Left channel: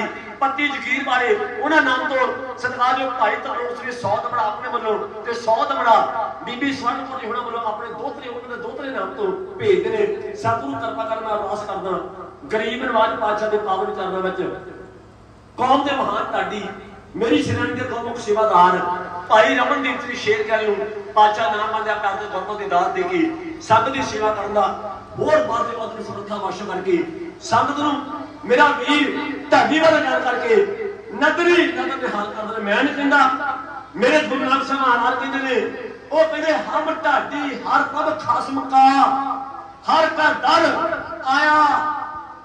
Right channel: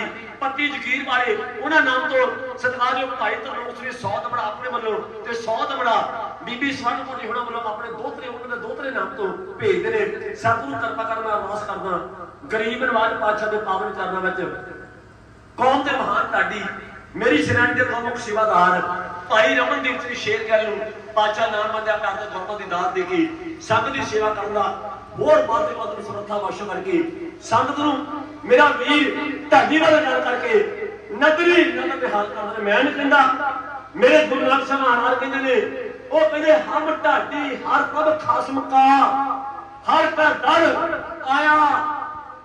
ਢਾਡੀ ਪੱਤੀ ਜਗੀਰ ਵਾਲੇ ਉਹਨਾਂ ਨਾਮ ਤੋਂ ਸਤਿਕਾਰਯੋਗ ਭਾਈ ਤਰਲੋਕ ਸਿੰਘ 100 ਦਮੜਾ ਆਪਣੇ ਵੱਲੋਂ ਤੇ 100 ਦਮੜਾ ਬੀਬੀ ਸਵਰਨਪੁਰੀ ਹੁਣਾਂ ਵੱਲੋਂ ਆਪਣੇ ਦੋਤਰੇ ਉਹਨਾਂ ਦੇ ਦੋਤਰੇ ਨਾਮ ਤੋਂ ਭੇਜਦੇ ਨੇ। ਸਤਿਗੁਰੂ ਕਿਰਪਾ ਕਰਨਾ ਅਰਦਾਸ ਕਰਦਾ ਗਰੀਬ ਨਵਾਜ ਪਾਤਸ਼ਾਹ ਦੇ ਪਾਵਨ ਚਰਨਾਂ ਵਿੱਚ। ਕੌਮ ਦੇ ਮਹਾਨ ਢਾਡੀ, ਮੇਰੀ ਸ਼੍ਰੇਣੀ ਦੇ ਪ੍ਰਮੁੱਖ ਸੇਵਾਦਾਰ, ਭਾਈ ਰਮਨਦੀਪ ਸਿੰਘ ਸ਼ੇਰ ਕਹਿ ਨੂੰ ਪਾਚਾ ਨਾਮ ਮੰਨਿਆ ਕਰਦੇ ਗੁਰਮਤਿ ਦੀ ਦਾਤ ਦੇ ਕੇ ਸੰਗਤ ਦੀ ਸੇਵਾ ਕਰਨ ਦਾ ਹੋਰ ਵੱਧ ਤੋਂ ਵੱਧ ਸਮਰੱਥਾ ਵਾਸ਼ਾ ਕਰਕੇ ਸੰਗਤ ਨੂੰ ਮੇਰਾ ਵੀਰ ਢਾਡੀ ਵਾਲਾ ਗੱਲ ਕਰਕੇ ਨਗਰੀ, ਨਗਰ ਦੇ ਹਾਲ ਕਰਦੇ ਮੈਂ ਨਹੀਂ ਕਹਿੰਦਾ। ਮੇਰੇ ਗੁਰੂ ਨਾਨਕ ਸਾਹਿਬ ਮਹਾਰਾਜ ਕਹਿੰਦੇ ਨੇ, ਉਹ ਕਹਿੰਦੇ, ਹਮ ਢਾਡੀ, ਹਰ ਪ੍ਰਭ ਖਾਸਮ ਕਾ ਹਰ ਕਾ ਦਰ ਆਇਆ,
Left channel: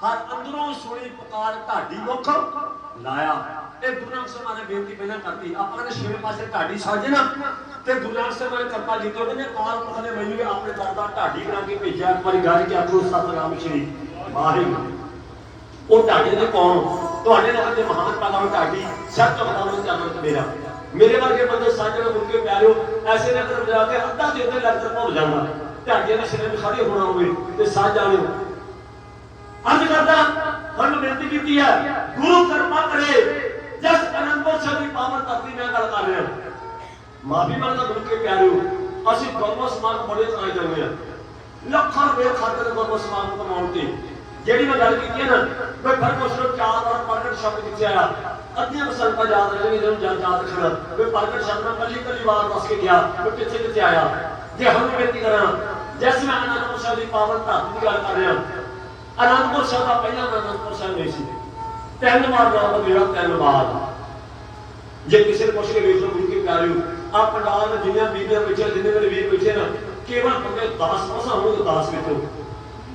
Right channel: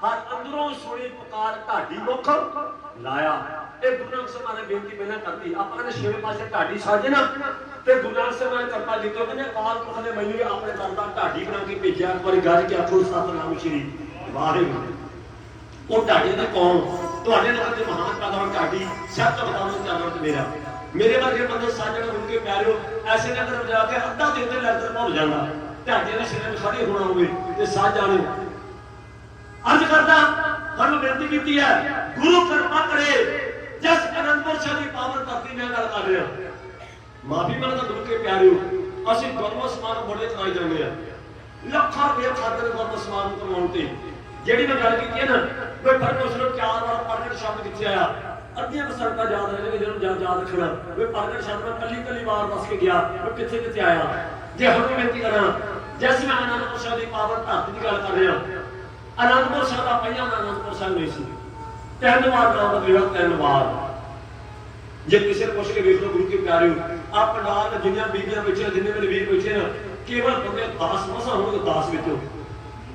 ਹਰ ਅੰਦਰੋਂ ਸੁਣੀ ਪੁਕਾਰ ਢਾਡੀ ਮੁਖ ਲਾਇਆ। ਇਹ ਗੁਰੂ ਨਾਨਕ ਸਾਹਿਬ ਨੇ ਬੇਨਤੀ ਪਹਿਲਾਂ ਕਰਤੀ, ਆਪਾਂ ਕਹਿੰਦੇ ਛੇਵੇਂ ਪਾਸੇ ਢਾਡੀ ਸਾਜੇ ਨਾ ਤੇ ਗੁਰੂ ਨਾਨਕ ਸਾਹਿਬ ਨੇ ਕਿਰਪਾ ਕੀਤੀ, ਉਹ ਕਹਿੰਦੇ, ਕਾਲ ਪੁਰਖ ਨੇ ਮੈਨੂੰ ਆਪਣੇ ਦਰ ਦਾ ਢਾਡੀ ਬਣਾ ਕੇ ਭੇਜਿਆ, ਇੱਕ ਵਾਰੀ ਗੱਲ ਕਿ ਆਖੋ, ਸਤਨਾਮ ਸ਼੍ਰੀ ਵਾਹਿਗੁਰੂ ਉਹ ਢਾਡੀ ਦੇ ਕੌਣ? ਤੁਹਾਡੇ ਨਾਲ ਦੇ ਮਹਾਨ ਕਲਾਮ ਢਾਡੀ ਸਭ ਤੋਂ ਨਾਮ ਤੋਂ ਮੇਰਾ। ਮੇਰੇ ਵਰਗੇ ਬੰਦੇ ਸਾਜਣ ਰੁਕ ਕੇ ਪਿਆਰਿਓ ਐਸੇ ਨਗਰ ਬਜਾ ਕੇ ਅੱਧਾ ਦੇ ਉੱਤੇ ਲੰਗਰ ਭੁੱਲ ਜਾਂਦਾ। ਢਾਡੇ ਦੇ ਸਿਰੇ ਖੜੇ ਹੋਣਾ ਹੋਵੇ ਤੇ ਸਾਜ ਜਾਣੇ। ਅੱਜ ਕਰਦਾ ਸਾਨੂੰ ਬੇਨਤੀ ਕੀਤੀ ਹੈ, ਗੁਰੂ ਕਿਰਪਾ ਕਰੇ ਜਸ ਅਨੰਦਪੁਰ ਸਾਹਿਬ ਦੀ ਪਾਵਨ ਧਰਤੀ ਨਾਲ ਗੱਲ ਕਰ ਰਿਹਾ। ਮਾਫੀ ਮੰਗਦਾ ਗੁਰੂ ਕੇ ਪਿਆਰਿਓ ਅਸੀਂ ਗੌਰਵ ਸਮਾਨ ਬੜੇ ਚਲਾਈ ਜਾਂਦੇ ਆ ਲੱਖਾਂ ਰੁਪਏ ਖਾਤਰ ਗੌਰਵ ਸਮਾਨ ਕਮਾਉਣ ਤੇ। ਜਿਹੜੀ ਮੈਂ ਗੱਲ ਕੀਤੀ ਹੈ ਨਾ ਕੋਈ ਪਰਮੇਸ਼ਰ ਚਾਰ ਵਾਰ ਪ੍ਰਗਟ ਸ਼ਬਦ ਜਿੱਥੇ ਆਇਆ ਅੱਧੀਆਂ ਸੰਤਾਂ ਯਾਦ ਰਹਿਣਗੇ ਜਿਹਨੂੰ ਜਦ ਯਾਦ ਰੱਖਣਾ ਕੋਈ ਪ੍ਰਗਟ ਸ਼ਬਦ ਨਾਲ ਕੱਲੀ ਕੱਲੀ ਵਾਰ ਦੱਸ ਕੇ ਗਿਆ, ਕੋਈ ਕਿੱਥੇ ਕਿੱਥੇ ਆਇਆ। ਜੇ ਹੁਣ ਬੇਨਤੀ ਕਰਾਂ ਜੈਸੇ ਮੈਂ ਅਨੰਦਪੁਰ ਸਾਹਿਬ ਦੀ ਪਾਵਨ ਧਰਤੀ ਦੀ ਗੱਲ ਕਰ ਰਿਹਾ ਅਨੰਦਪੁਰ ਸਾਹਿਬ ਦਾ ਪਹਿਲਾ ਨਾਮ ਅਨੰਦਪੁਰ ਸਾਹਿਬ ਨਹੀਂ ਸੀ। ਧੰਨਵਾਦ ਵਾਰ ਨਾਮ ਬਦਲਿਆ ਤਿੰਨ ਜੇ ਕਿਸੇ ਨੂੰ ਪੁੱਛ ਕੇ ਵੇਖ ਗੁਰੂ ਕੀ ਪਿਆਰਿਓ ਆ ਪੰਡਾਲ ਦੇ ਜਿੰਨੀਆਂ ਬੀਬੀਆਂ ਵਿੱਚ ਜਿੰਨੇ ਮੇਰੇ ਵੀਰ ਬੈਠੇ ਨਾ, ਕੇਵਲ ਬੰਦੇ 10 ਮਸਾ ਹੋਣਗੇ 10 ਵਿੱਚੋਂ।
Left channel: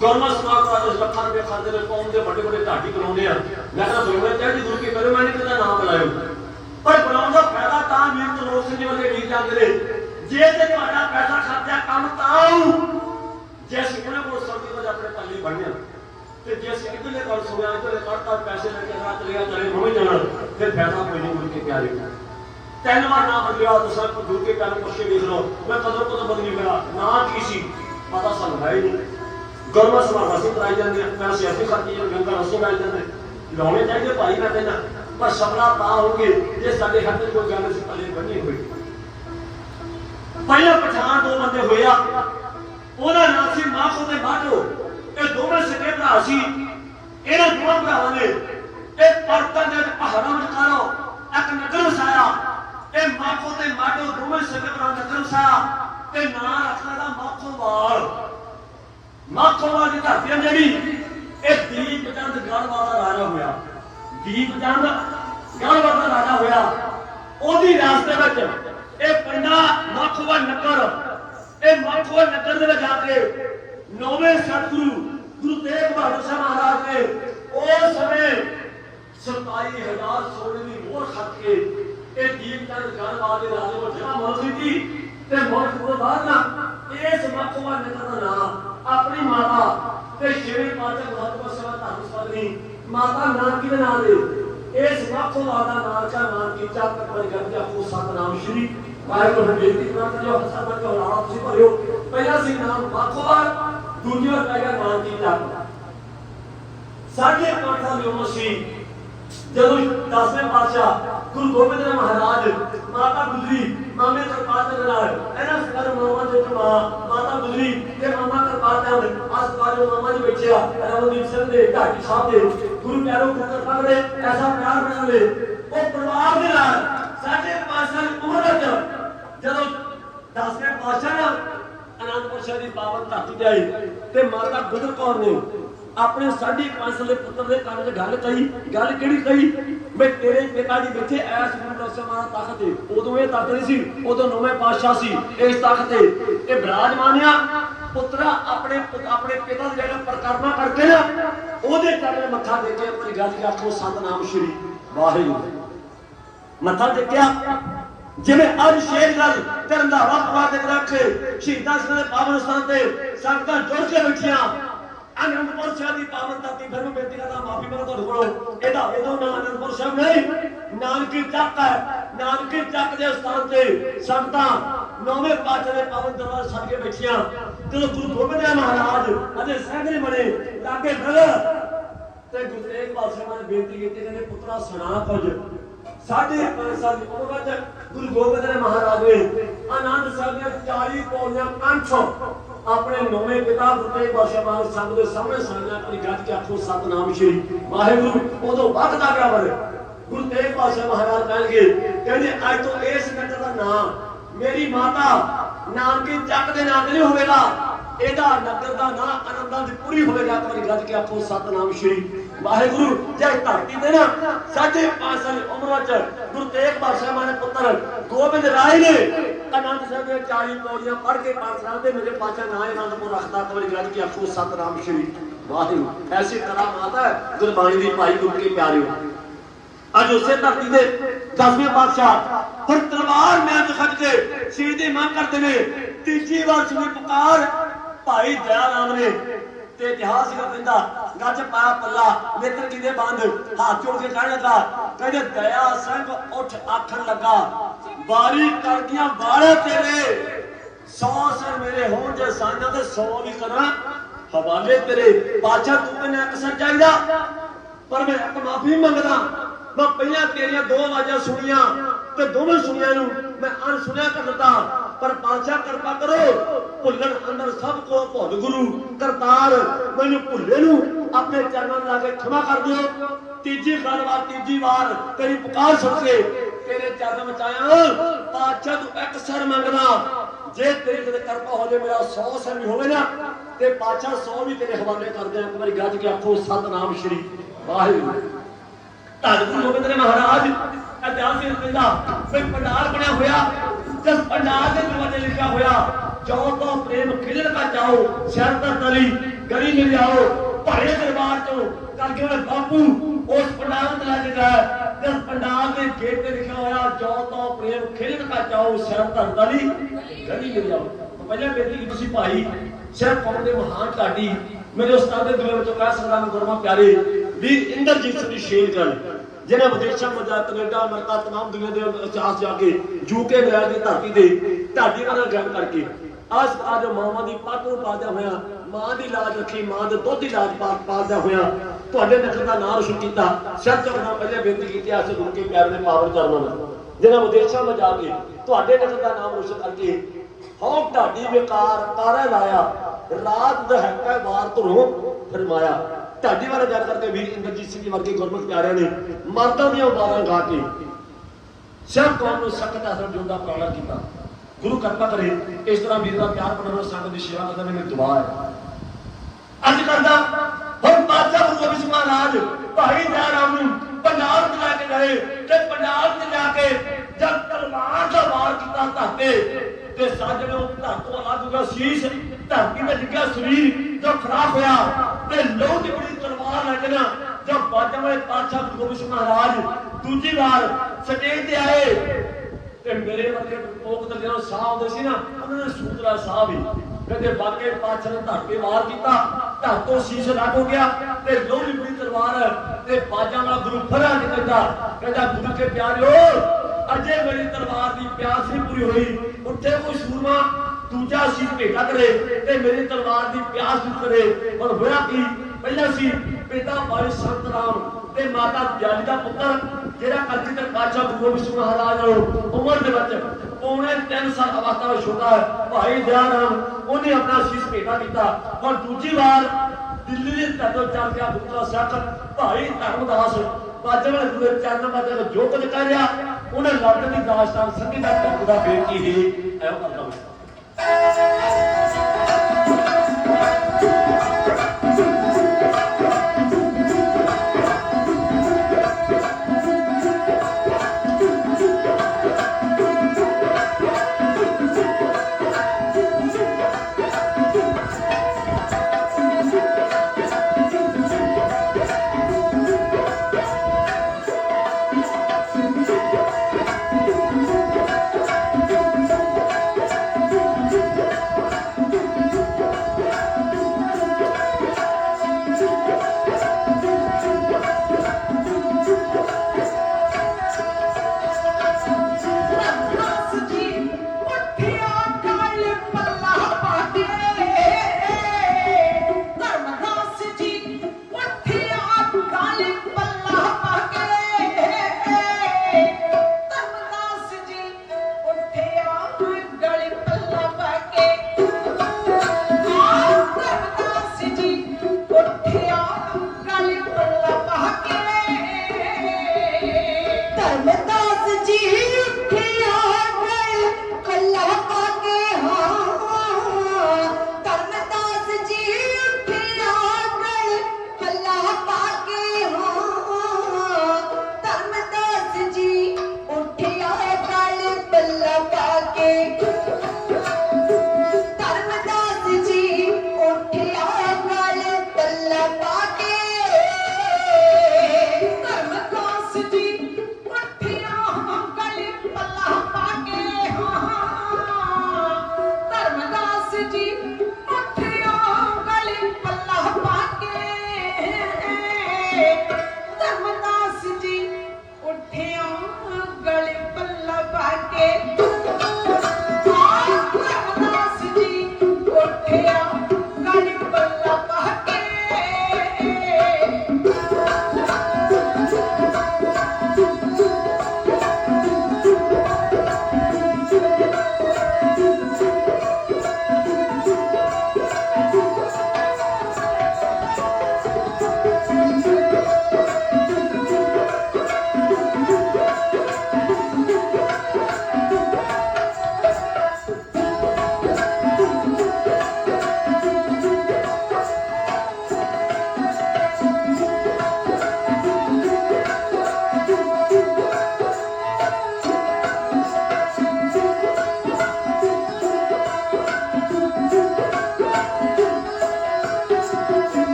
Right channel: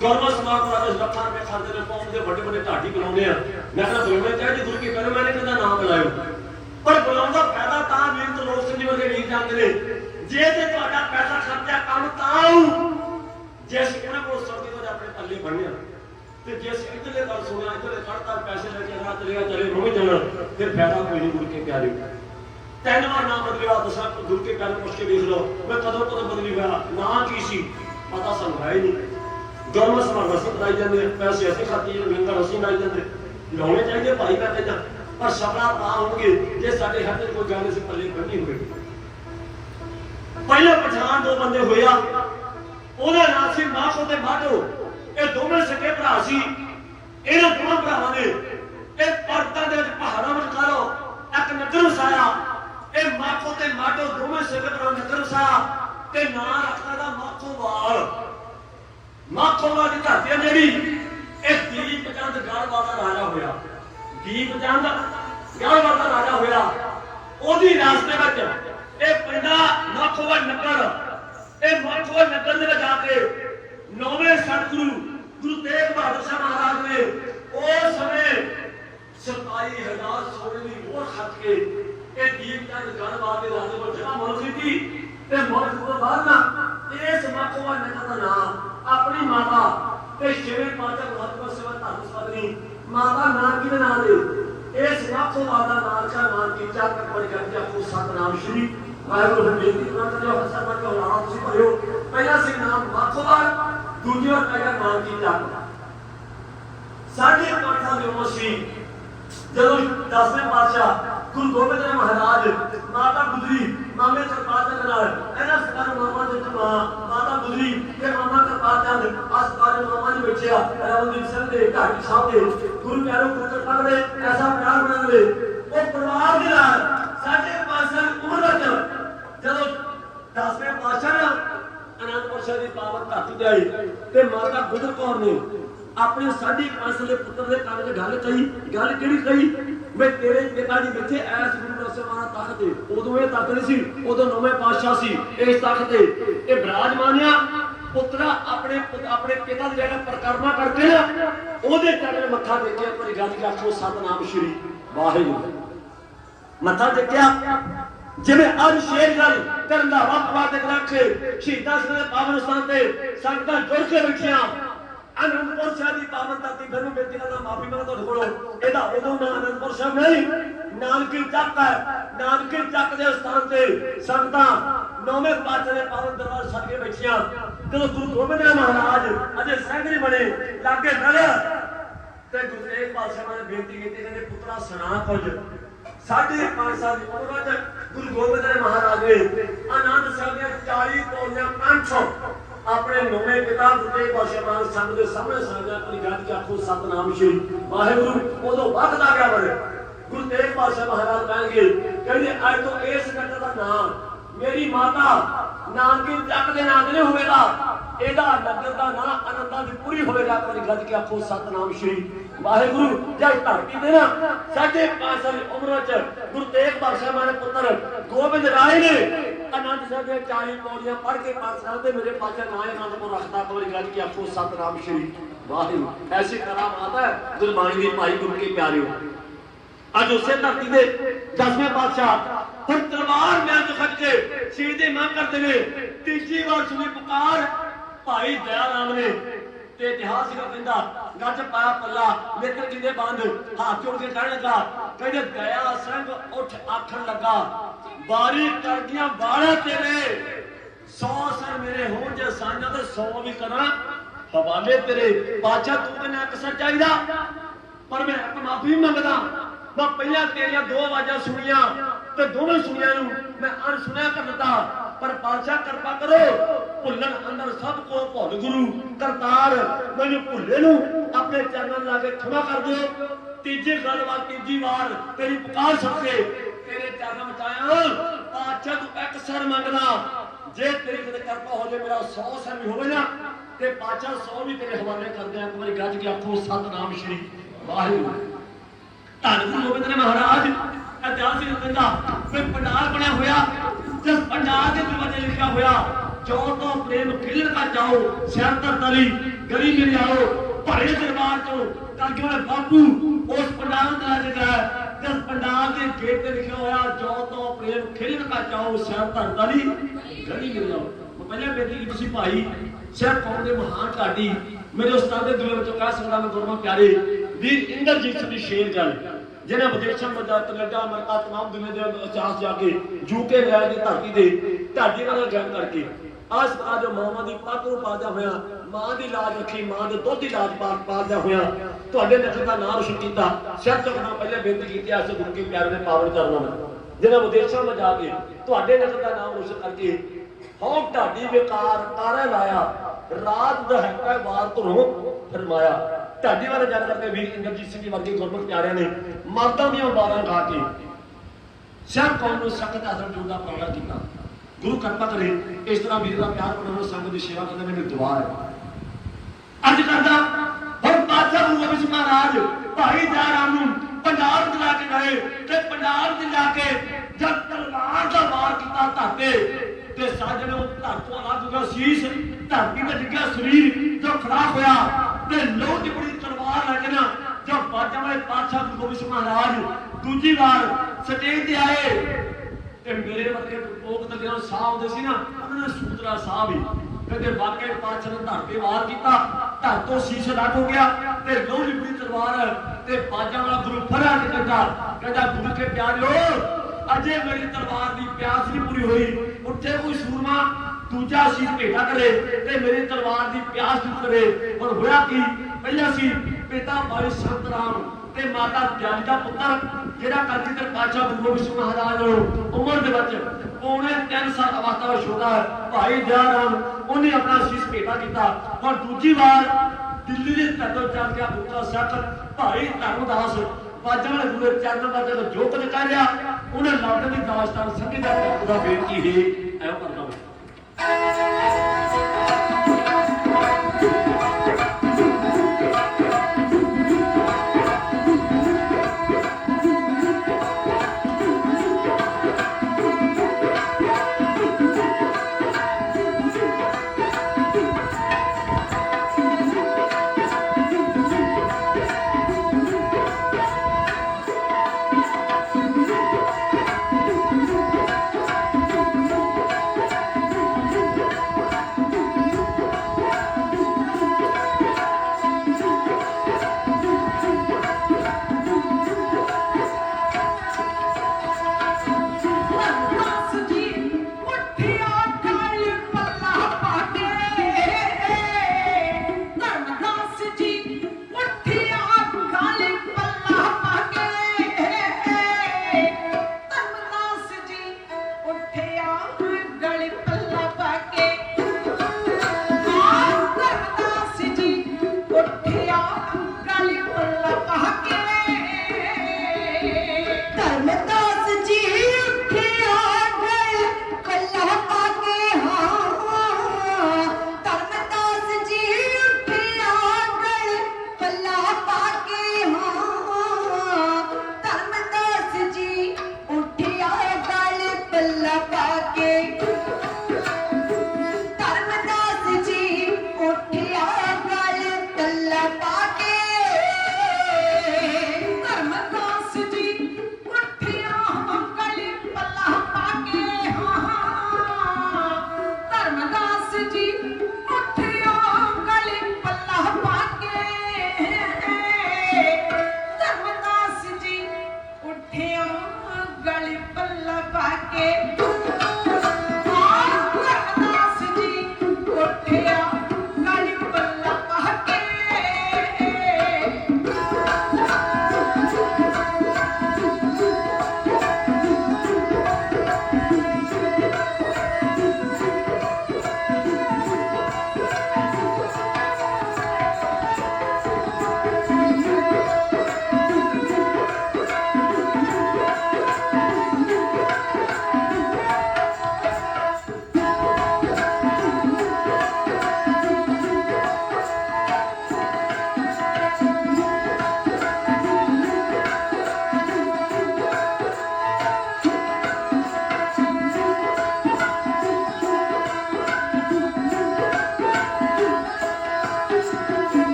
ਗੌਰਮਾ ਸਮਾਜ ਦਾ ਲੱਖਾਂ ਰੁਪਏ ਖਰਚ ਦੇ ਕੌਮ ਦੇ ਵੱਡੇ ਵੱਡੇ ਢਾਡੀ ਬਣਾਉਂਦੇ ਆ। ਮੈਂ ਕਿਹਾ ਦੋਵੇਂ ਤੇ ਗੁਰੂ ਕੀ ਪਿਆਰਿਓ ਮੈਂ ਨਹੀਂ ਨਾਮ ਬੁਲਾਇਓ ਪਰ ਬਣਾਉਣ ਦਾ ਫਾਇਦਾ ਤਾਂ ਵੀਰ ਤਰਲੋਕ ਜੀ ਵਰਗੇ ਵੀਰ ਜਾਂਦੇ ਨੇ। ਜੇ ਤੇ ਤੁਹਾਡਾ ਪੈਸਾ ਖਰਚਿਆ, ਕੰਮ ਤਾਂ ਆਊ। ਜਿਸ ਉਹਨਾਂ ਕੋਲ ਸਬਜ਼ੀ ਤੋਂ ਆਪਣੇ ਪੱਲੇ ਬਣਿਆ, ਤੇ ਜਿਸ ਇਤਨੇ ਗੱਲ ਸੁਣਿਆ ਇਤਨੇ ਕਰਤਾ ਪੈਸੇ ਲੈ ਕੇ ਰਾਤ ਲਿਆ ਚਲੇ ਹੋਵੇ ਜਾਣਾ, ਫਿਰ ਫਾਇਦਾ ਕੋਈ ਨਹੀਂ ਗੁਰੂ ਕੇ ਪਿਆਰੇ ਤਿੰਨ ਵਾਰ ਨਾਮ ਬਦਲਿਆ, ਦਸਾਂ ਕੋ ਗੁਰੂ ਕੇ ਪਿਆਰੇ ਪੁੱਛ ਕੇ ਵੇਖ ਲਓ, ਮੈਂ ਕਦੋਂ ਕਦੋਂ ਬਦਲੀ ਗਿਆ ਨਾ ਕੀ ਸੀ, ਪਤਾ ਸਾਨੂੰ ਹੈ ਨਹੀਂ। ਗਰਮਾ ਸਮਾਂ ਰਸਮ ਕਰਾਈ ਜਾਂਦੇ ਆ ਪੈਸੇ ਅਸੀਂ ਸਾਥੀ ਗੰਗਾ ਰਸਮ ਕਰਾਈ ਜਾਂਦੇ ਲਾਉਣੇ ਚਾਹੀਦੇ ਭਾਈ ਕਰ ਦੇਣਾ ਪਰ ਸਬਲਾ ਤਾਂ ਹੋਣਗੇ ਜੇ ਸਾਡੇ ਹੱਥ ਕੋਈ ਗੱਲ ਅਸੀਂ ਪੱਲੇ ਬੰਨੀ ਹੋਈ। ਪਹਿਲਾਂ ਪਠਾਨ ਦੋ ਬੰਦੇ ਹੋਇਆ ਉਹਦਾ ਨਾਮ ਸੀ ਮਾਖੋ ਤੇ ਮਾਧੋ ਇਹ ਦੋਵੇਂ ਸਕੇ ਭਰਾ ਸੀ। ਇਹਨਾਂ ਦੋਵਾਂ ਭਰਾਵਾਂ ਨੇ ਇਹ ਪਰਤਾਂ ਦੇ ਵਿੱਚ ਪਹਾੜਾਂ ਵਿੱਚ ਇੱਕ ਨਗਰ ਵਸਾਇਆ। ਇਹ ਮਾਖੋ ਤੇ ਮਾਧੋ ਦੋਵੇਂ ਸਕੇ ਭਰਾ ਨਗਰ ਵਸਾਇਆ। ਤੇ ਨਾਂ ਰੱਖਿਆ ਦਾ ਮਾਖੋਵਾਲ ਮਾਖੋਵਾਲ ਦੀ ਧਰਤੀ ਆ ਜਿਹੜੀ ਇਹ ਦੀਪਚੰਦ ਗੜਵਾਲ ਦਾ ਰਾਜਾ ਹੋਇਆ। ਦੀਪਚੰਦ ਗੜਵਾਲ ਦਾ ਰਾਜਾ ਹੋਇਆ। ਉਹਦੀ ਰਿਆਸਤ ਦੇ ਵਿੱਚ ਇਹ ਪਿੰਡਾ ਮਾਖੋਵਾਲ ਨਗਰ ਇਹ ਮਾਖੋ ਨਗਰ ਦੇ ਵਿੱਚ ਜਾ ਕੇ ਨੌਵੇਂ ਸਤਿਗੁਰੂ, ਗੁਰੂ ਤੇਗ ਬਹਾਦਰ ਸਾਹਿਬ ਮਹਾਰਾਜ ਨੇ ਉਸ ਸਮੇਂ 27000 ਸੋਨੇ ਦੀ ਮੋਹਰ ਖੱਟ ਕੇ ਇਹ ਦੀਪਚੰਦ ਗੜਵਾਲ ਦੇ ਰਾਜੇ ਕੋਲ ਜਗ੍ਹਾ ਮੁੱਲ ਦਿੱਤੀ ਤੇ ਮੁੱਲ ਤੋਂ ਬਾਅਦ ਨਾ ਇਸ ਮਾਖੋ ਨਗਰ ਦਾ ਨਾਮ ਆਪਣੀ ਮਾਤਾ ਤੇ ਸ਼ੇਰੇ ਪਾਤਸ਼ਾਹ ਮਹਤਵ ਸੇਵਾ ਧਰਮ ਸਵਾਦਨੀ ਮਾਤਾ ਨਾਨਕੀ ਦੇ ਨਾਮ ਦੇ ਇਸ ਮਾਖੋ ਦਾ ਨਾਮ ਕਾ ਨਾਮ ਕੀ ਚਾਰ ਤੱਕ ਬੜੀ ਗੱਲ ਸਤਨਾਮ ਸ਼੍ਰੀ ਵਾਹਿਗੁਰੂ ਜੀ ਬੇਨਤੀ ਕਰਨਾ ਜੋ ਹਸਾ ਬਣ ਕੇ ਹੋਣਾ, ਤੁਸੀਂ ਭਰਿਓ। ਪਹਿਲਾ ਸੀ ਨਾਮ ਮਾਖੋਵਾਲ ਦੂਜੀ ਵਾਰ ਪੈ ਗਿਆ ਨਾਮ ਕੀ ਚੱਕ ਸਾਡੇ ਪਾਠਾਂ ਦੇ ਉਮਰ ਸੀ, ਜਦੋਂ 10ਵੇਂ ਪਾਤਸ਼ਾਹ ਗੁਰੂ ਗੋਬਿੰਦ ਸਿੰਘ ਮਹਾਰਾਜ ਮਾਤਾ ਗੁਜਰੀ ਮਾਮੇ ਸਰਕਾਰ ਦੇ ਨਾਲ, ਇਹਨਾਂ ਸਕਾਰ ਮਾਮਾ ਦੇ ਵਿੱਚ ਮਾਤਾ ਗੁਜਰੀ, ਤੇ ਮਾਮਾ ਕਰਪਾਲ ਚੰਦ ਆਸਕਾਰ ਮਾਮਾ ਜੀ ਬੈਠੇ ਆ ਸਿੰਘ ਦੇ ਢਾਡੀ ਸਾਹਿਬ ਦੇ ਗੁਰੂ ਪਿਆਰੋ ਪੁੱਤਰ ਪੜ੍ਹਦੇ ਐਸਾ ਪਿਆਰ ਬਣਾਉਂਦੇ। ਉਹ ਪਰਿਵਾਰ ਦੇ ਨਾਲ ਸਾਡੇ ਪਾਤਸ਼ਾਹ ਦੀ ਉਮਰ ਵਿੱਚ ਜਦੋਂ 10ਵੇਂ ਪਾਤਸ਼ਾਹ ਅਨੰਦਪੁਰ ਸਾਹਿਬ ਦੀ ਪਾਵਨ ਧਰਤੀ ਤੇ ਆਈ, ਤੇ ਮਾਤਾ ਗੁਜਰ ਕੌਰ ਨੇ ਆਪਣੇ ਸਾਡੀ ਪੰਜ ਸਾਲੇ ਪੁੱਤਰ ਦੇ ਕੰਨ 'ਚ ਗੱਲ ਕਹੀ, ਗੱਲ ਕਿਹੜੀ ਕਹੀ? ਬਈ ਤੇਰੇ ਪਿਤਾ ਜੀ ਬੈਠੇ ਐਸ ਗੁਰੂ ਰਸਮਾਨਾ ਤਖਤ ਤੇ। ਉਦੋਂ ਇਹ ਤਖਤ ਨਹੀਂ ਸੀ, ਉਦੋਂ ਨੌਵੇਂ ਪਾਤਸ਼ਾਹ ਸੀ ਇਸ ਤਖਤ ਤੇ। ਇਹ ਬਿਰਾਜਮਾਨ ਪੁੱਤਰਾ ਆਪਣੇ ਆਪਣੇ ਪਿਤਾ ਦੀ ਜਗ੍ਹਾ ਪ੍ਰਕਰਮਾ ਕਰਕੇ ਨਾ, ਉਹਦੇ ਚਰਨੇ ਮੱਥਾ ਟੇਕਿਆ ਪਰ ਗੱਲ ਆਖੋ ਸਤਨਾਮ ਸ਼੍ਰੀ ਵਾਹਿਗੁਰੂ। ਮੱਥਾ ਟੇਕਿਆ। ਜਿਵੇਂ ਅਰ ਸ਼ੇਰ ਨਾਲ ਕਰੰਦਾਵਾ ਪਵਾ ਕੇ ਰੱਖੇ, ਸ਼ਹੀਦਾਂ ਸਿੰਘ ਦੇ ਪਾਵਨ ਸਥਾਨ ਤੇ ਸੰਗਤਾਂ ਜੁੜ ਕੇ ਬੈਠੀਆਂ ਅਨੰਦਪੁਰ ਸਾਹਿਬ ਦੀ ਪਾਵਨ ਧਰਤੀ ਫਿਰ ਮੈਂ ਬੇਨਤੀ ਕਰਦਾ ਮਾਫੀ ਮੰਗਦਾ ਤੁਹਾਡੇ ਕੋਲੋਂ ਇਹਦਾ ਉਦੋਂ ਨਾਂ ਅਨੰਦਪੁਰ ਸਾਹਿਬ ਨਹੀਂ ਨਾਨਕੀ ਚੱਕ ਹੈ ਨਾਨਕੀ ਚੱਕ ਦੇ ਸਥਾਨ ਤੇ ਸੰਗਤਾਂ ਨੌਵੇਂ ਪਾਤਸ਼ਾਹ ਦੇ ਪਾਵਨ ਦਰਬਾਰ ਸਾਹਿਬ ਕੇ ਬੈਠੀਆਂ ਜਦੋਂ ਗੁਰੂ ਗੋਬਿੰਦ ਸਿੰਘ ਮਹਾਰਾਜ ਅਜੇ ਸੈਂਕੜੇ ਬਣੇ ਲਾਗੇ ਨਗਰ ਤੇ ਗੁਰੂ ਤੇਗ ਬਹਾਦਰ ਨੇ ਬੇਨਤੀ ਕੀਤੀ ਕਹਿੰਦੇ ਪੁੱਤਰਾ ਸੁਣਾ ਕੁਝ ਸਾਢੇ ਪੰਜ ਸਾਲ ਦੀ ਉਮਰ ਵਿੱਚ ਗੁਰੂ ਗੋਬਿੰਦ ਨੇ ਮਹਾਰਾਜ ਨੇ ਆਨੰਦ ਸਾਹਿਬ ਦੇ 40 ਪੌੜੀਆਂ ਕੰਠੋਂ ਆਪਣੇ ਨੌਵੇਂ ਪਿਤਾ ਗੁਰੂ ਤੇਗ ਸੰਗ ਦੇ ਸਾਹਮਣੇ ਸਾਹਮਣੇ ਆਪਣੀ ਗੱਜ ਕੇ ਆਖੋ, ਸਤਨਾਮ ਸ਼੍ਰੀ ਵਾਹਿਗੁਰੂ। ਉਦੋਂ ਵਕਤ ਗਿਆ ਬਰੇ ਗੁਰੂ ਤੇਗ ਬਹਾਦਰ ਮਹਾਰਾਜ ਕਹਿਣਗੇ, ਕਹਿੰਦੇ, ਅੱਜ ਤੋਂ ਇਸ ਗੱਟ ਦਾ ਨਾਮ ਮੇਰੀ ਮਾਤਾ ਨਾਨਕੀ ਚੱਕ ਦੇ ਨਾਂ ਨਹੀਂ ਹੋਵੇਗਾ। ਇਹਦਾ ਨਗਰ ਦਾ ਨਾਂ ਆਨੰਦਾਂ ਦੀ ਪੂਰੀ ਹੋਵੇਗਾ। ਕੋਈ ਗੱਜ ਕੇ ਆਖੋ, ਸਤਨਾਮ ਸ਼੍ਰੀ ਵਾਹਿਗੁਰੂ। ਜੈ ਧਰਤੀ ਦੇ ਨਾ ਸਾਢੇ ਪੰਜ ਸਾਲ ਉਮਰ ਵਿੱਚ ਗੁਰੂ ਤੇਗ ਬਹਾਦਰ ਮਾਨੇ ਪੁੱਤਰ ਗੋਬਿੰਦ ਰਾਏ ਨੇ ਆਨੰਦ ਸਾਹਿਬ ਦੇ 40 ਪੌੜੀਆਂ ਪੜ੍ਹ ਕੇ ਪਾਤਸ਼ਾਹ ਦੇ ਮੇਰੇ ਪਾਸ਼ਾ ਨਾਂ ਆਨੰਦਪੁਰ ਰੱਖਦਾ ਕੋਈ ਗੱਜ ਕੇ ਆਖੋ, ਸਤਨਾਮ ਸ਼੍ਰੀ ਵਾਹਿਗੁਰੂ। ਐਸੀ ਤਰ੍ਹਾਂ ਮਾਤਾ ਗੁਰਬਾਣੀ ਦੀ ਭਾਈ ਗੁਰੂ ਪਿਆਰਿਓ। ਅੱਜ ਉਸੇ ਧਰਤੀ ਦੇ ਦਸਵੇਂ ਪਾਤਸ਼ਾਹ ਹੁਣ ਤਲਵਾਰ ਮੈਂ ਖੱਜ ਕੇ ਸ਼ਹੀਦੇ ਮੰਗ ਕਰਦੇ ਨੇ, ਤੀਜੀ ਵਾਰ ਸੁਣੀ ਪੁਕਾਰ ਭਾਈ ਦਇਆ ਰਾਮ ਨੇ ਤੇ ਇਤਿਹਾਸ ਦਾ। ਕਹਿੰਦਾ ਗੱਜ ਪਾਇਆ ਪੱਲਾ, ਨੇਤਰ ਜੀ ਦੇ ਬੰਦ, ਹੱਥ ਜੋੜ ਕੇ ਕਹਿਣ ਲੱਗਾ, ਕਹਿੰਦੇ ਦਇਆ ਸਿੰਘ ਉੱਠ ਆਖਣ ਲੱਗਾ ਬਾਰੀ ਕਰਦੀਆਂ ਬਾੜੇ ਤੇਰੇ 100 ਸਰ ਮੇਰੇ ਹੋਣ ਜੇ ਸਾਨਾਂ ਤੇ 100 ਵੀ ਕਰਾਂ ਹਵਾਲੇ ਤੇਰੇ, ਬਾਦਸ਼ਾਹ ਤੂੰ ਮੈਨੂੰ ਅਕਸਰ ਚਾਹੀਦਾ, ਪਰ ਮੈਂ ਇੱਕ ਮਾਫੀ ਮੰਗਦਾ, ਮੈਂ ਪਹਿਲਾਂ ਤੇਰੀਆਂ ਦੋ ਆਵਾਜ਼ਾਂ ਸੁਣੀਆਂ ਤੇ ਦੋਵੇਂ ਸੁਣੀਆਂ ਨੂੰ ਮੈਂ ਅਣ ਸੁਣਿਆ ਕਰ ਦਿੱਤਾ। ਪਰ ਬਾਦਸ਼ਾਹ ਕਿਰਪਾ ਕਰੋ। ਭੁੱਲਣ ਅੰਦਰ ਸਭ ਕੋ ਭੁੱਲ ਗੁਰੂ। ਕਰਤਾਰ, ਮੈਨੂੰ ਭੁੱਲੇ ਨੂੰ ਆਪਣੇ ਚਰਨਾਂ ਲਾ ਕੇ ਖਿਮਾ ਕਰ ਦਿਓ। ਤੀਜੀ ਗੱਲ ਵਾਰ ਤੀਜੀ ਵਾਰ ਤੇਰੀ ਪੁਕਾਰ ਸੁਣ ਕੇ ਤੇਰੇ ਚਰਨ ਮਚਾਇਆ। ਬਾਦਸ਼ਾਹ ਤੂੰ ਇੱਕ ਸਰ ਮੰਗਦਾ ਜੇ ਤੇਰੀ ਕਿਤੇ ਕਿਰਪਾ ਹੋ ਜੇ, ਮੇਰਾ 100 ਸਰ ਵੀ ਹੋਵੇ ਨਾ, ਤੇ ਪਾਤਸ਼ਾਹ 100 ਵੀ ਤੇਰੇ ਹਵਾਲੇ ਕਰਦੇ ਆ ਇੱਕ ਵਾਰੀ ਗੱਜ ਕੇ ਆਖੋ, ਸਤਨਾਮ ਸ਼੍ਰੀ ਵਾਹਿਗੁਰੂ। ਧੰਨ ਗੁਰੂ ਗੋਬਿੰਦ ਨੇ ਮਹਾਰਾਜ, ਇਤਿਹਾਸ ਕਹਿੰਦਾ ਕੋਈ ਪੰਡਾਲ ਬਣਿਆ ਹੋਇਆ ਜਿਸ ਪੰਡਾਲ ਦੇ ਦਰਵਾਜ਼ੇ ਲਿਖਿਆ ਹੋਇਆ ਜੋ ਤੋਂ ਪ੍ਰੇਮ ਖਿਲਣ ਦਾ ਜਾਓ ਸ਼ਹਿਰ ਦਾ ਤਲੀ, ਗਲੀ ਮਿਲ ਜਾਓ ਭਾਰੇ ਦਰਬਾਰ ਤੋਂ ਕਰਕੇ ਉਹਨੇ ਬਾਪੂ ਉਸ ਪੰਡਾਲ ਤੇ ਲੈ ਗਿਆ। ਜਿਸ ਪੰਡਾਲ ਦੇ ਗੇਟ ਤੇ ਲਿਖਿਆ ਹੋਇਆ ਜੋ ਤੋਂ ਪ੍ਰੇਮ ਖਿਲਣ ਦਾ ਜਾਓ ਸ਼ਹਿਰ ਦਾ ਤਲੀ, ਗਲੀ ਮਿਲ ਜਾਓ ਪਹਿਲਾਂ ਬੇਨਤੀ ਕੀਤੀ ਭਾਈ, ਸਿਰਫ ਕੌਮ ਦੇ ਮਹਾਨ ਢਾਡੀ, ਮੇਰੇ ਉਸਤਾਦ ਦੇ ਦਿਲ ਵਿੱਚੋਂ ਕਹਿ ਸਕਦਾ ਗੁਰਮਾ ਪਿਆਰੇ, ਵੀਰ ਇੰਦਰਜੀਤ ਸਿੰਘ ਦੀ ਸ਼ੇਰ ਗੱਲ। ਜਿਹਨੇ ਵਿਦੇਸ਼ਾਂ ਵਿੱਚ ਕੈਨੇਡਾ, ਅਮਰੀਕਾ, ਤਮਾਮ ਦੁਨੀਆ ਦੇ ਇਤਿਹਾਸ ਜਾ ਕੇ ਯੂਕੇ ਇੰਗਲੈਂਡ ਦੀ ਧਰਤੀ ਤੇ ਢਾਡੀ ਨਾਲ ਗੱਲ ਕਰਕੇ ਆਸ ਆ ਜੋ ਮਾਵਾਂ ਦੀ ਪੱਗ ਨੂੰ ਪਾਦਾ ਹੋਇਆ, ਮਾਂ ਦੀ ਲਾਜ ਰੱਖੀ, ਮਾਂ ਦੇ ਦੁੱਧ ਦੀ ਲਾਜ ਪਾਦਾ ਹੋਇਆ ਤੁਹਾਡੇ ਨਸਲ ਦਾ ਨਾਮ ਰੋਸ਼ਨ ਕੀਤਾ ਸ਼ਰਤ ਬਣਾ ਪਹਿਲੇ ਬੇਨਤੀ ਕੀਤੀ ਅਸੀਂ ਗੁਰੂ ਕੇ ਪਿਆਰੇ ਦੇ ਪਾਵਨ ਕਰਨਾ ਮੈਂ ਜਿਹਨਾਂ ਵਿਦੇਸ਼ਾਂ ਵਿੱਚ ਜਾ ਕੇ ਤੁਹਾਡੇ ਨਸਲ ਦਾ ਨਾਮ ਰੋਸ਼ਨ ਕਰਕੇ ਹਉ ਢਾਡੀ, ਵਿਕਾਰ, ਤਾਰਾ ਲਾਇਆ, ਰਾਤ ਦਾ ਹੱਕਾ ਵਾਰ ਧਰੋ ਫਰਮਾਇਆ। ਢਾਡੀ ਬਾਰੇ ਗੱਲ ਕਰਦੇ ਵੀਰ ਇੰਦਰਜੀਤ ਸਿੰਘ ਵਰਗੇ ਗੁਰਮੁਖ ਪਿਆਰਿਆਂ ਨੇ ਮਰਦਾਂ ਦੀਆਂ ਉਡਾਰਾਂ ਖਾ ਕੇ ਸ਼ਰਮ ਕੌਮ ਨੂੰ ਸਖਤ ਆਸਰ ਜੋਦਾ ਪ੍ਰਾਣਾ ਕੀਤਾ। ਗੁਰੂ ਕਿਰਪਾ ਕਰੇ ਇਸ ਤਰ੍ਹਾਂ ਵੀਰ ਦਾ ਪਿਆਰ ਪੜੋ ਸੰਗ ਦੀ ਸੇਵਾ ਕਰਨ ਦੀ ਦੁਆ ਹੈ। ਅੱਜ ਕਰਦਾ ਹੁਣ ਬਾਦਸ਼ਾਹ ਗੁਰੂ ਗੋਬਿੰਦ ਮਹਾਰਾਜ, ਭਾਈ ਦਇਆ ਨੂੰ ਪੰਜਾਬ ਚ ਲੈ ਕੇ ਗਏ ਤੇ ਪੰਜਾਬ ਚ ਜਾ ਕੇ ਜਦ ਤਲਵਾਰ ਦਾ ਵਾਰ ਕੀਤਾ ਧਰਤੇ ਤੇ ਸਾਜਣੋ ਧਰ ਤੋਂ ਆ ਸੀਸ ਧਰਤੀ ਵਿੱਚ ਗਿਆ ਸਰੀਰ ਜੋ ਖੜਾ ਹੋਇਆ। ਤੇ ਲੋਹ ਦੀ ਬੜੀ ਤਲਵਾਰ ਲੱਗਣਾ ਜਦ ਬਾਜਾਂ ਵਾਲੇ ਪਾਤਸ਼ਾਹ ਗੁਰੂ ਗੋਬਿੰਦ ਸਿੰਘ ਮਹਾਰਾਜ ਦੂਜੀ ਵਾਰ ਸਟੇਜ ਤੇ ਆਏ ਤੇ ਮੇਰੇ ਵਰਗੇ ਲੋਕ ਤਾਂ ਜਦੋਂ ਸਾਹ ਆਉਂਦੇ ਸੀ ਨਾ, ਉਹਨਾਂ ਨੇ ਸੂਤਰਾ ਸਾਹ ਵੀ। ਕਹਿੰਦੇ ਵਾਕੇ ਪਾਛੜ ਧਰ ਕੇ ਵਾਰ ਕੀਤਾ ਧਰ ਤੋਂ ਸ਼ੀਸ਼ੇ ਲੱਗ ਹੋ ਗਿਆ ਤੇ ਲੋਹੀ ਬੜੀ ਤਲਵਾਰ ਤੇ ਬਾਜਾਂ ਵਾਲਾ ਗੁਰੂ ਫੜਾ ਕੇ ਕਹਿੰਦਾ ਕਹਿੰਦਾ, ਗੁਰੂ ਕੇ ਪਿਆਰਿਓ, ਅਜੇ ਮੇਰੀ ਤਲਵਾਰ ਦੀ ਪਿਆਸ ਨਹੀਂ ਪੂਰੀ ਹੋਈ। ਉੱਥੇ ਕੋਈ ਸੂਰਮਾ ਦੂਜਾ ਸੀ ਭੇਟਾ ਕਰੇ ਤੇ ਮੇਰੀ ਤਲਵਾਰ ਦੀ ਪਿਆਸ ਨਹੀਂ ਕਰੇ। ਹੋਇਆ ਕੀ? ਪਹਿਲਾਂ ਸੀ ਪਿਤਾ ਭਾਈ ਸੰਤ ਤੇ ਮਾਤਾ ਜੱਜ ਦਾ ਪੁੱਤਰ, ਜਿਹੜਾ ਕਰਦੀ ਤੇ ਪਾਤਸ਼ਾਹ ਗੁਰੂ ਗੋਬਿੰਦ ਮਹਾਰਾਜ ਉਮਰ ਦੇ ਵਿੱਚ ਪੌਣੇ 3 ਸਾਲ ਅਵਸਥਾ ਵਿੱਚ ਛੋਟਾ ਭਾਈ ਦਇਆ ਉਹਨੇ ਆਪਣਾ ਸ਼ੀਸ਼ ਭੇਟਾ ਕੀਤਾ। ਔਰ ਦੂਜੀ ਵਾਰ ਦਿੱਲੀ ਦੇ ਤੱਤੋਂ ਚੱਲ ਗਿਆ ਪੁੱਤਰ ਸੱਖ ਭਾਈ ਧਰਮਦਾਸ। ਬਾਜਾਂ ਗੁਰੂ ਚਰਨ ਬਾਜਾਂ ਜੋ ਕੁਝ ਕਰ ਉਹਨੇ ਲੜਨ ਦੀ ਦਾਸਤਾਨ ਸੰਗੀ ਦਾ ਪੂਰਾ ਬੇਨਤੀ ਹੀ ਐਉਂ ਕਰਦਾ Thank you.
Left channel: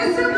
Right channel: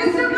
Mr.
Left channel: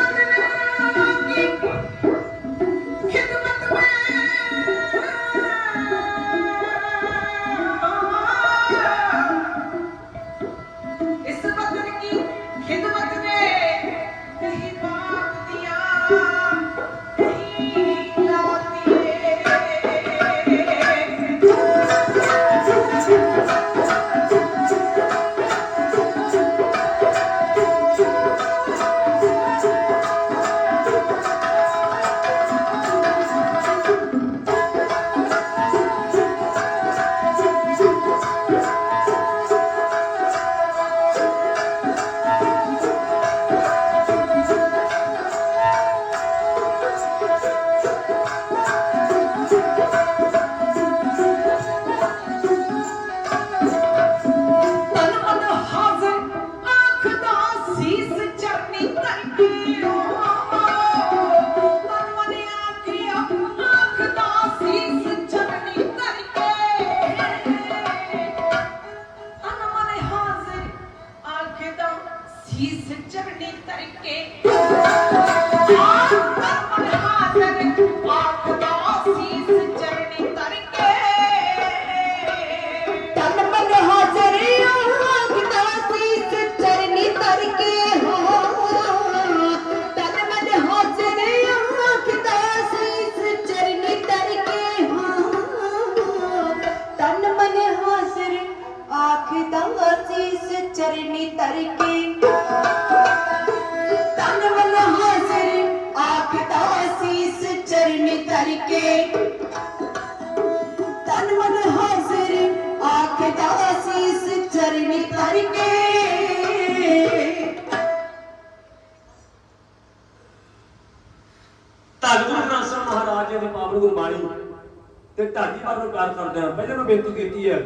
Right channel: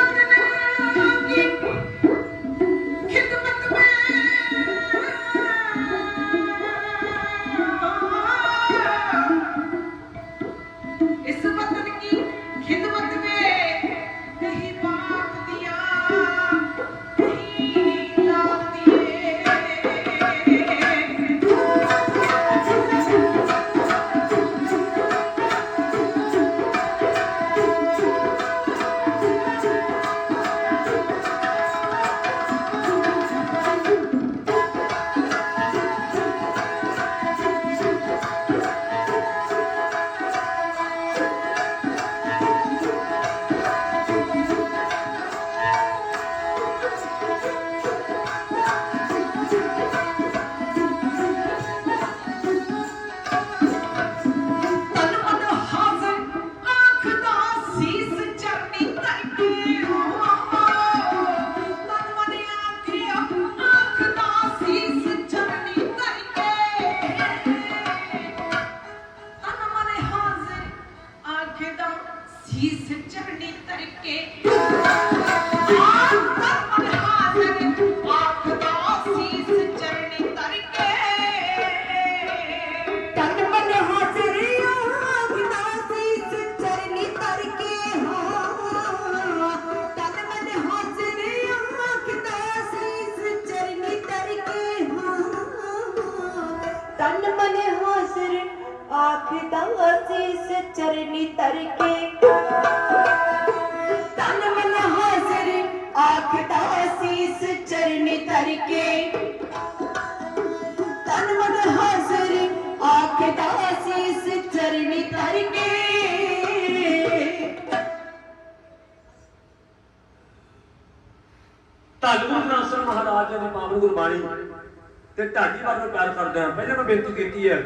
ਤੇ ਢਾਡੀ ਬਾਰੇ ਪਿਆਰ ਕਰਦੇ ਹਾਂ ਪਹਿਲਾਂ ਮੈਂ ਬੇਨਤੀ ਕੀਤੀ ਹੈ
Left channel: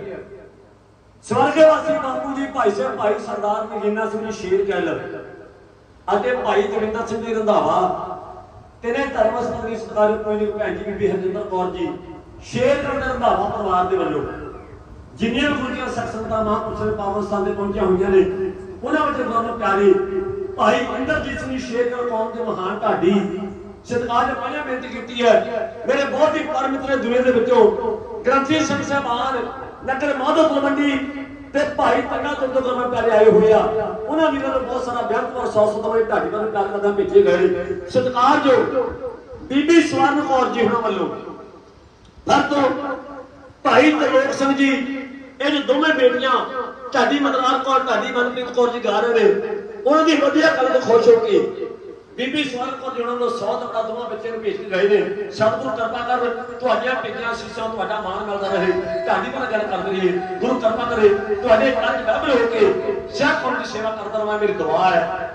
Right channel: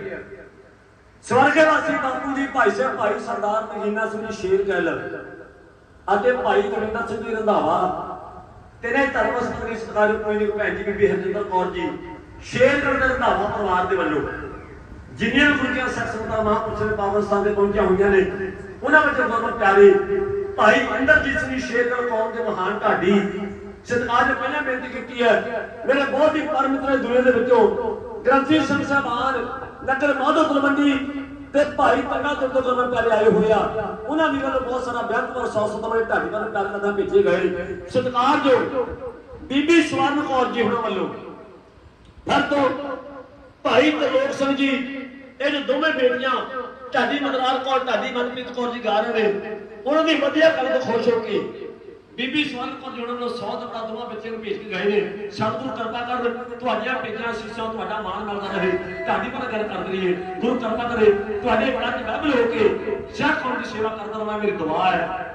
ਸਵਰਗੇ ਬਾਪੂ ਜੀ, ਭਾਈ ਸਾਹਿਬ, ਭਾਈ ਸਰਦਾਰ ਮਹੀਨਾ ਸਿੰਘ ਸ਼ੇਰ ਗੱਲ ਅਤੇ ਭਾਈ ਜਵਿੰਦਰ ਸਿੰਘ ਜੀ ਰੰਧਾਵਾ, ਤੇਰੇ ਧਰਮ ਸੰਗਰੀ ਸਤਿਕਾਰ ਕੋਈ ਨਹੀਂ ਭੈਣ ਜੀ, ਬੀਬੀ ਹਰਜਿੰਦਰ ਕੌਰ ਜੀ, ਸ਼ੇਰ ਗੱਲ ਦੇ ਰੰਧਾਵਾ ਪਰਿਵਾਰ ਦੇ ਵੱਲੋਂ ਜਿੰਨੀਆਂ ਗੁਰਜੀਆਂ ਸਖਸੰਤਾਂ ਮਹਾਂਪੁਰਸ਼ਾਂ ਦੇ ਪਾਵਨ ਸਥਾਨ ਤੇ ਪਹੁੰਚੀਆਂ ਹੋਈਆਂ ਨੇ, ਉਹਨਾਂ ਵਿੱਚ ਬਹੁਤ ਪਿਆਰੇ ਭਾਈ ਇੰਦਰਜੀਤ ਸਿੰਘ ਸ਼ੇਰਗੜ ਕੌਮ ਦੇ ਮਹਾਨ ਢਾਡੀ ਅੱਜ ਪਹਿਲਾਂ ਬੇਨਤੀ ਕੀਤੀ ਹੈ ਮੇਰੇ ਬਹੁਤ ਹੀ ਪਰਮ ਦੁਨੀਆ ਦੇ ਵਿੱਚੋਂ ਗ੍ਰੰਥੀ ਸਿੰਘ ਸਾਹਿਬਾਨ ਨਗਰ ਮਾਧੋ ਤਲਵੰਡੀ ਤੇ ਭਾਈ ਪੰਗਾ ਤੋਂ ਤੋਂ ਪਿਆਰੇ ਆਏ ਹੋਏ ਆ। ਉਹਨਾਂ ਵੀਰਾਂ ਨੂੰ ਬਹੁਤ ਸਾਰਾ ਬਿਆਨ ਔਰ ਸੌ ਸਤਵੇਂ ਢਾਡੀ ਵੱਲ ਪਿਆਰ ਕਰਦਾ ਭੇਜੇ ਗਏ। ਸਤਿਕਾਰ ਜੋ ਬੀਬੀ ਸਵਰਨ ਕੌਰ ਜੀ ਉਹਨਾਂ ਵੱਲੋਂ। ਹਰ ਤੋਂ ਭਾਈ ਤਰਲੋਕ ਸਿੰਘ ਜੀ, ਇਹ ਜੋ ਦੋਵੇਂ ਬੇਟੀਆਂ, ਢਾਡੀ ਮਦਰਾਰ ਕੌਰ, ਢਾਡੀ ਮਨਪ੍ਰੀਤ ਕੌਰ ਜੀ ਗਾ ਰਹੇ ਨੇ, ਉਹਨਾਂ ਦੀ ਵਧੀਆ ਗੱਲ ਤੋਂ ਖੁਸ਼ ਹੋ ਕੇ ਬੀਬੀ ਸਵਰਨ ਕੌਰ ਜੀ ਨੂੰ ਸੌ ਦਾ ਦੋਵਾਂ ਬੱਚੇ ਨੂੰ ਭੇਜ ਕੇ ਗਏ ਨੇ। ਸਤਿਗੁਰੂ ਕਿਰਪਾ ਕਰ ਤੁਹਾਡੀਆਂ ਪਿੱਛੀਆਂ ਸੀਸਾਂ ਤੁਹਾਡਾ ਮਾਣ ਮਿਲਦਾ ਰਹੇ। ਤੁਹਾਡੀ ਨਾਲ ਗੱਲ ਕਰਦੇ ਰਹੀਏ। ਗੁਰੂ ਕਿਰਪਾ ਕਰੇ, ਤੁਹਾਡੇ ਘਰ ਚ ਹੋ ਕੇ ਸਿਆਖ ਦੀ ਸੇਵਾ ਕਰਦਾ ਰਹਾਂ ਮੇਰੀ ਦੁਆ ਹੈ।